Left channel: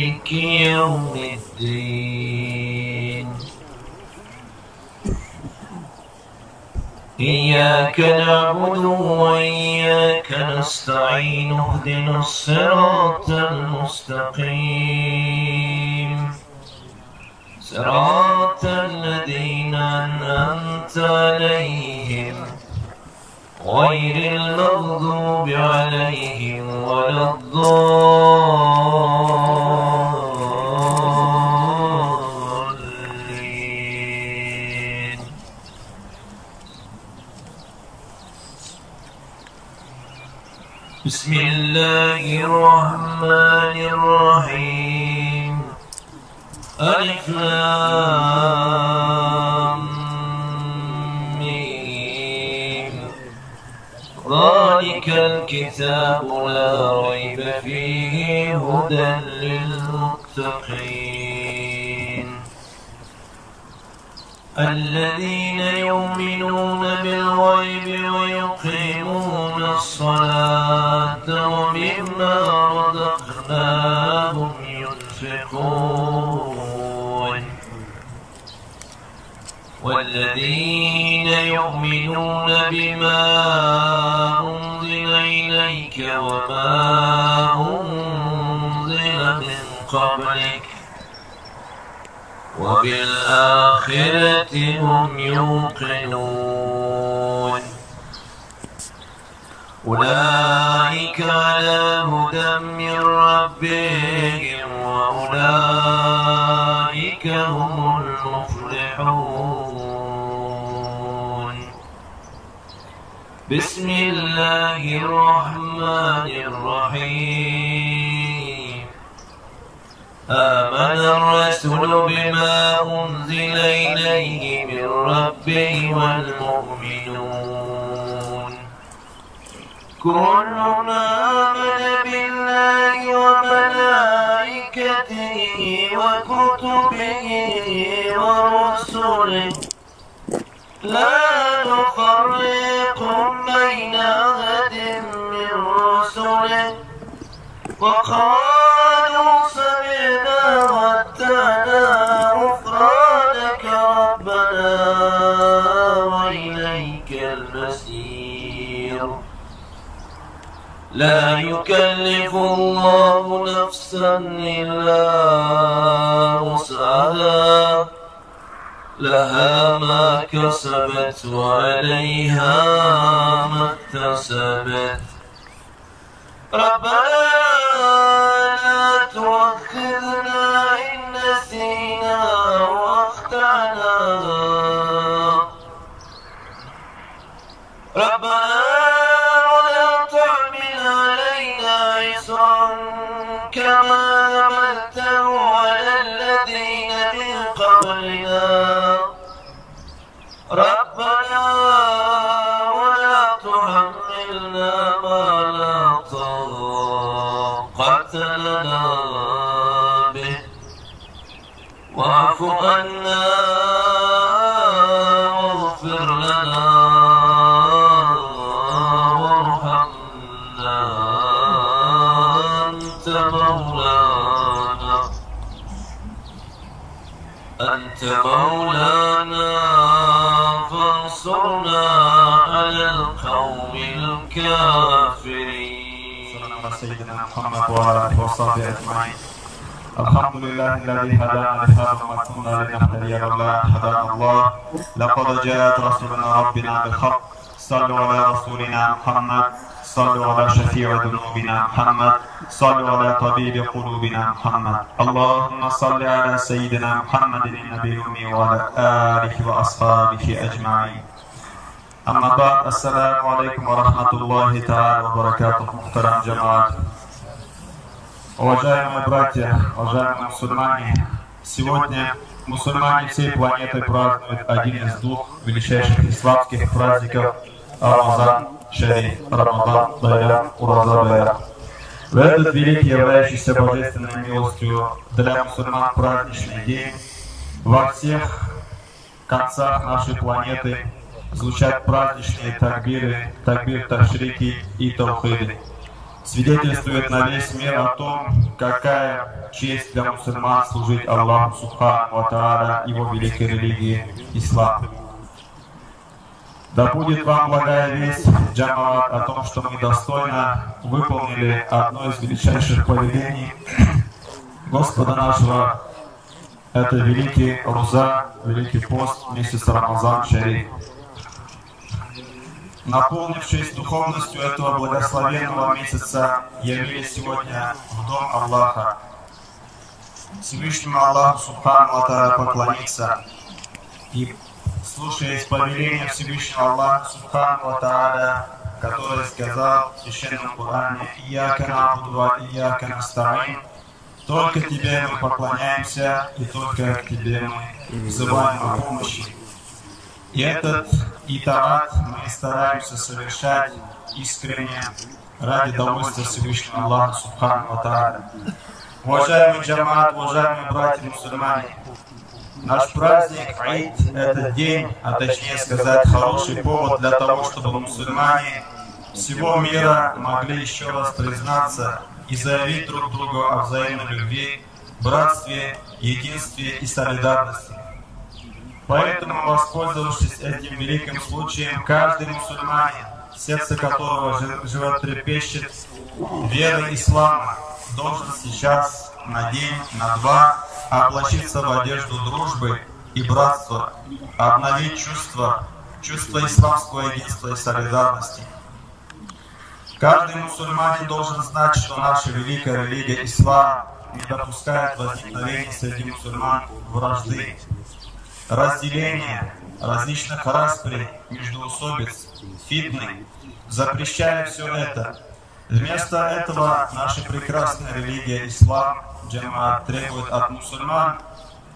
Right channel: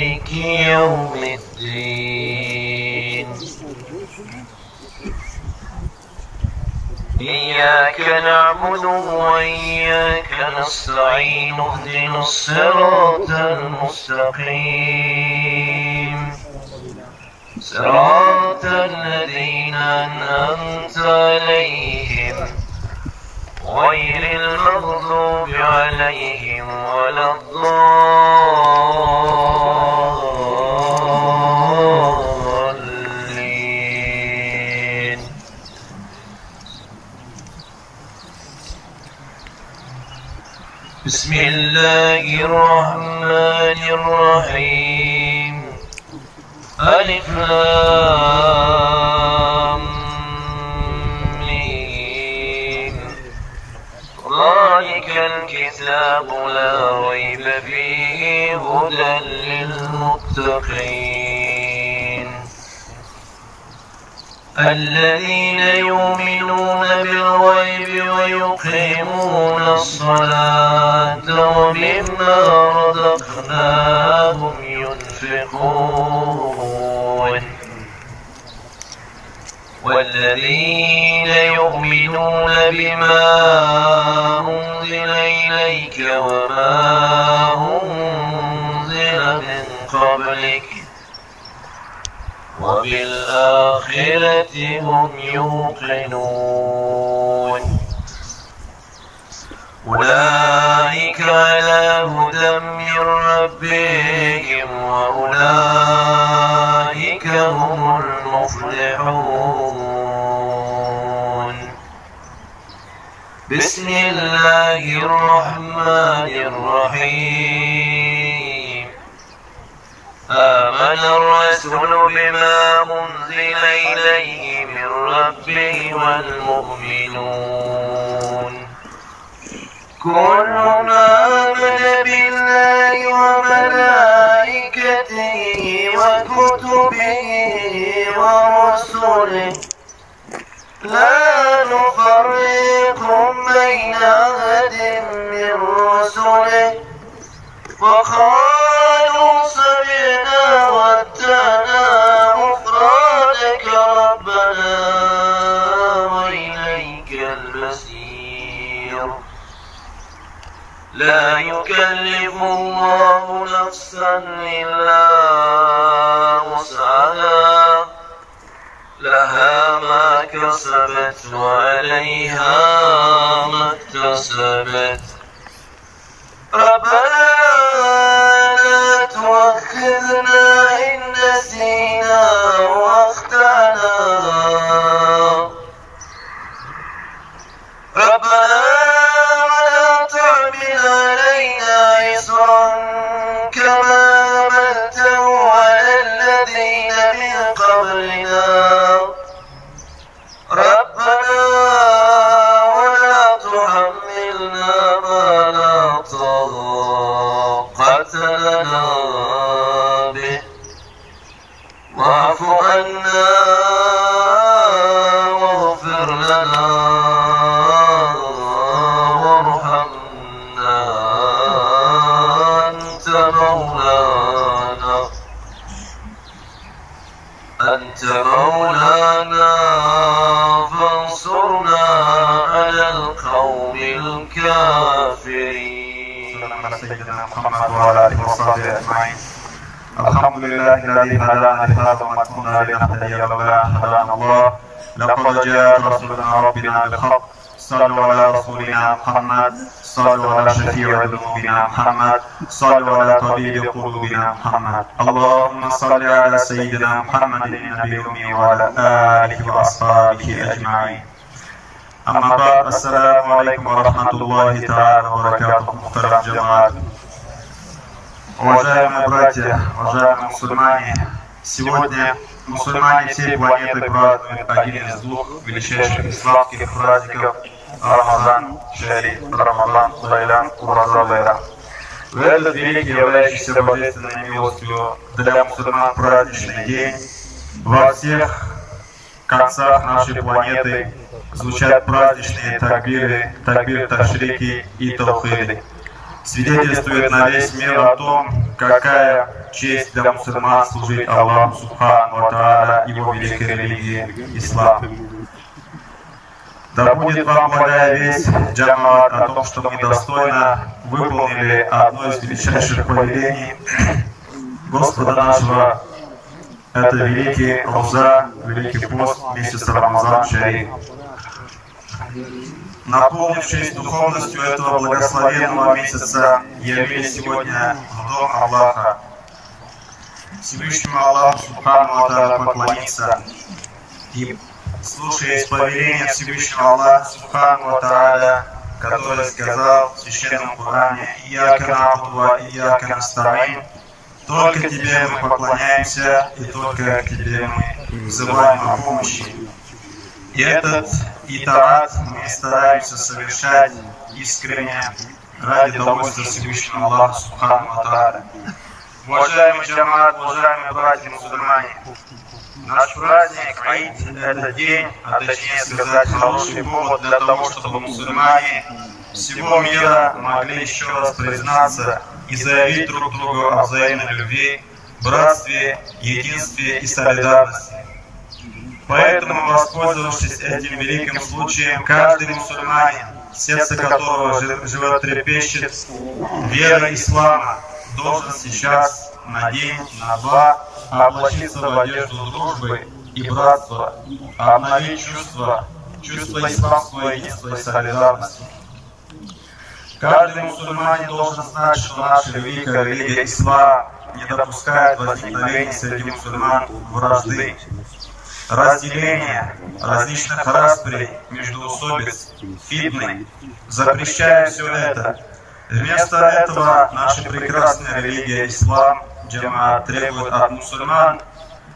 مالك يوم الدين. إياك نعبد وإياك نستعين اهدنا الصراط المستقيم صراط الذين أنعمت عليهم غير المغضوب عليهم ولا الضالين. بسم الله الرحمن الرحيم. ألف لام ميم. ذلك الكتاب لا ريب فيه هدى للمتقين الذين يؤمنون بالغيب ويقيمون الصلاة ومما رزقناهم ينفقون والذين يؤمنون بما أنزل إليك وما أنزل من قبلك وبالآخرة هم يوقنون أولئك على هدى من ربهم وأولئك هم المفلحون. بسم الله الرحمن الرحيم. آمن الرسول بما أنزل إليه من ربه والمؤمنون كل آمن بالله وملائكته وكتبه ورسله لا نفرق بين أحد من رسله وقالوا سمعنا واتبعنا غفرانك ربنا وإليك المصير. لا يكلف الله نفسا إلا وسعها لها ما كسبت وعليها ما اكتسبت. ربنا لا تؤاخذنا إن نسينا واخطأنا. ربنا ولا تحمل علينا إصرا كما حملته على الذين من قبلنا. ربنا ولا تحملنا ما لا طاقة لنا به واعف عنا واغفر لنا وارحمنا أنت مولانا فانصرنا على القوم الكافرين. صلى الله على سيدنا محمد وعلى آله وصحبه أجمعين. الحمد لله الذي هدانا لهذا وما كنا لنهتدي لولا أن هدانا الله. لقد جاءت رسولنا ربنا بالحق. صلوا على رسولنا محمد. صلوا على شفيع ذنوبنا محمد. صلوا على طبيب قلوبنا محمد. اللهم صل على سيدنا محمد النبي الأمي وعلى آله وأصحابه أجمعين. أما بعد، السلام عليكم ورحمة الله تعالى وبركاته. Muhterem джамаат, уважаемые братья, уважаемые мусульмане, сегодня мусульмане всей планеты празднуют один из двух величайших исламских праздников Рамазан Шариф, Рамазан Байрам Ураза Байрам. В этот великий, являющийся божественной милостью для мусульман праздничный день во всех концах нашей планеты звучат праздничные такбиры, такбир ташрики и таухиды. свидетельствует на весь мир о том, какая честь для мусульман служить Аллаху Субхану ва Тааля, его великой религии ислам. Да будет вам благая весть, джамаат, о том, что мы достойно выполнили одно из величайших повелений Господа нашего. Это великий Роза, великий пост, месяц Рамазан Шариф. Наполнившись духовностью этого благословенного месяца, явились сегодня в дом Аллаха. Всевышнему Аллаху Субхану ва Тааля поклониться и, слушаясь повеления Всевышнего Аллаха Субхану ва Тааля, который сказал в Священном Коране: «Ияка на'буду ва ияка наста'ин», только Тебе мы поклоняемся и только к Тебе мы взываем о помощи. И этот итаат мы стараемся совершать искренне ради довольства Всевышнего Аллаха Субхану ва Тааля. Уважаемый джамаат, уважаемые братья-мусульмане, наш праздник Аид — это день, а точнее сказать, хороший повод для того, чтобы мусульмане всего мира могли еще раз признаться и заявить друг другу о взаимной любви, братстве, единстве и солидарности. Поэтому, воспользовавшись этим великим случаем, каждый мусульманин, сердце которого животрепещет верой ислама, должен сейчас на день, на два облачиться в одежду дружбы и братства, обновить чувство исламского единства и солидарности. Каждый мусульманин должен знать, что наша великая религия ислам не допускает возникновения среди мусульман вражды, разделения, различных расприй, междоусобиц, фитны. Запрещая все это. Вместо этого наша прекрасная религия ислам, джамаат, требует от мусульман,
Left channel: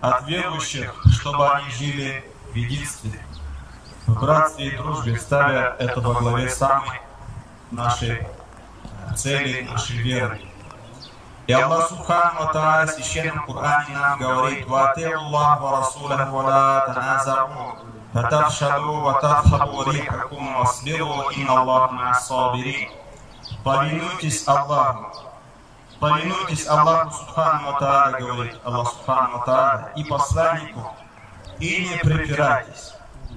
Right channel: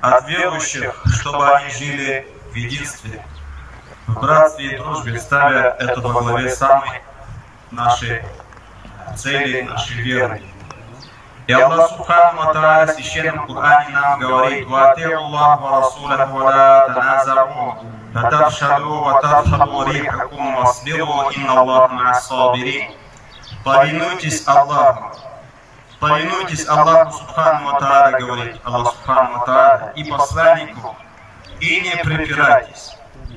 от верующих, чтобы они жили в единстве, в братстве и дружбе, ставя это во главе самой нашей цели, нашей веры. И Аллах Субхану ва Тааля в Священном Коране нам говорит: «Вати'у Аллах ва Расулаху ва ла таназару, фатафшалу ва тадхабу рихакум васбиру, инна Аллаха ма'ас-сабирин». Повинуйтесь Аллаху. Повинуйтесь Аллаху Субхану ва Тааля, говорит Аллах Субхану ва Тааля, и посланнику, и не препирайтесь.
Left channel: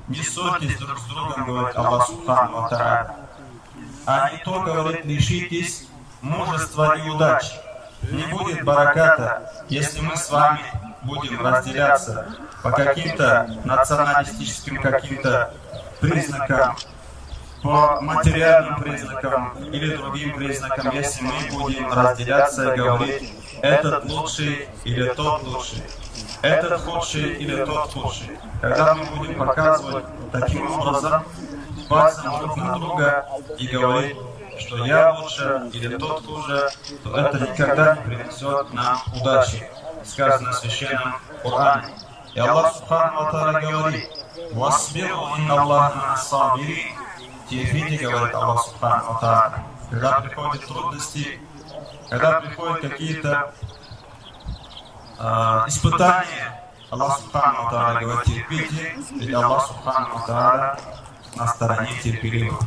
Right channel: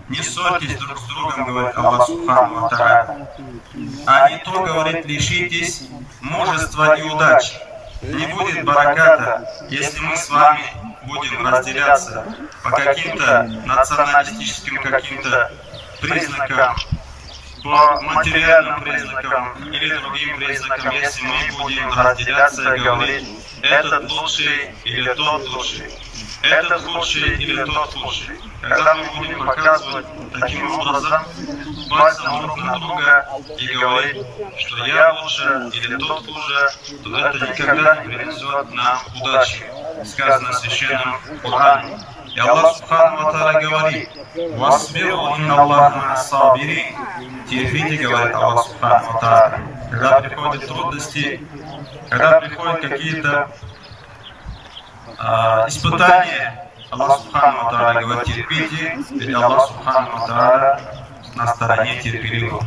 Не ссорьтесь друг с другом, говорит Аллах Субхану ва Тааля. А не то, говорит, лишитесь мужества и удачи. Не будет бараката, если мы с вами будем разделяться по каким-то националистическим каким-то признакам, по материальным признакам или другим признакам, если мы будем разделяться и говорить: этот лучший или тот лучший, этот худший или тот худший. Когда мы будем показывать таким образом пальцем друг на друга и говорить, что я лучше или тот хуже, то это никогда не принесет нам удачи. Сказано в Священном Коране. И Аллах Субхану ва Тааля говорит: «Васбиру, инна Аллаха ма'ас-сабирин». Терпите, говорит Аллах Субхану ва Тааля. Когда приходят трудности, когда приходят какие-то испытания, Аллах Субхану ва Тааля говорит: терпите, ведь Аллах Субхану ва Тааля на стороне терпеливых.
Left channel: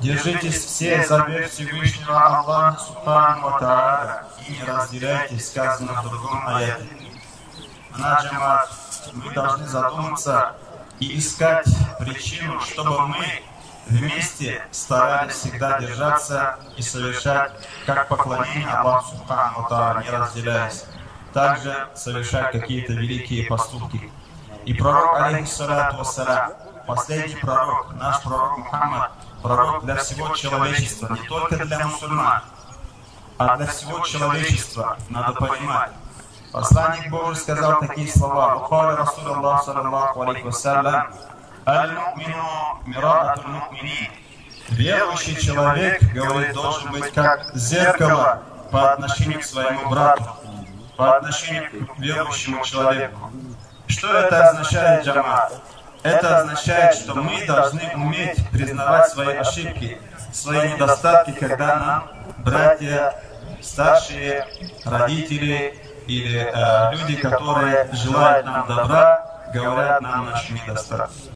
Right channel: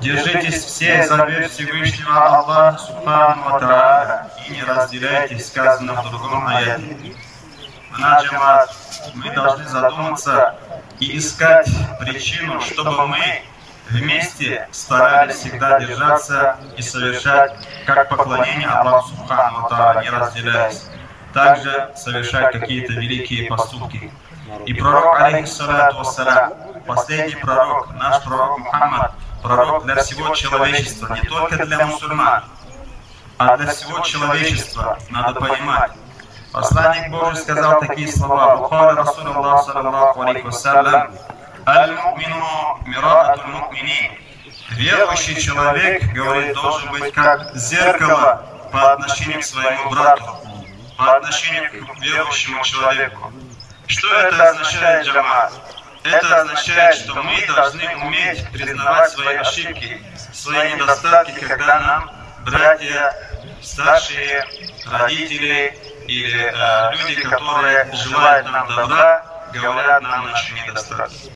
Держитесь все за верь Всевышнего Аллаха Субхану ва Тааля и не разделяйтесь, сказано в другом аяте. Джамаат, мы должны задуматься и искать причину, чтобы мы вместе старались всегда держаться и совершать как поклонение Аллаху Субхану ва Тааля, не разделяясь. Также совершать какие-то великие поступки. И пророк, алейхиссалату вассалям, последний пророк, наш пророк Мухаммад, пророк для всего человечества, не только для мусульман, а для всего человечества, надо понимать. Посланник Божий сказал такие слова: «Бухари Расулуллах саллаллаху алейхи вассалям, аль-мумину мираатуль муминин». Верующий человек, говорит, должен быть как зеркало по отношению к своему брату, по отношению к верующему человеку. Что это означает, джамаат? Это означает, что мы должны уметь признавать свои ошибки, свои недостатки, когда нам братья, старшие, родители или люди, которые желают нам добра, говорят нам наши недостатки.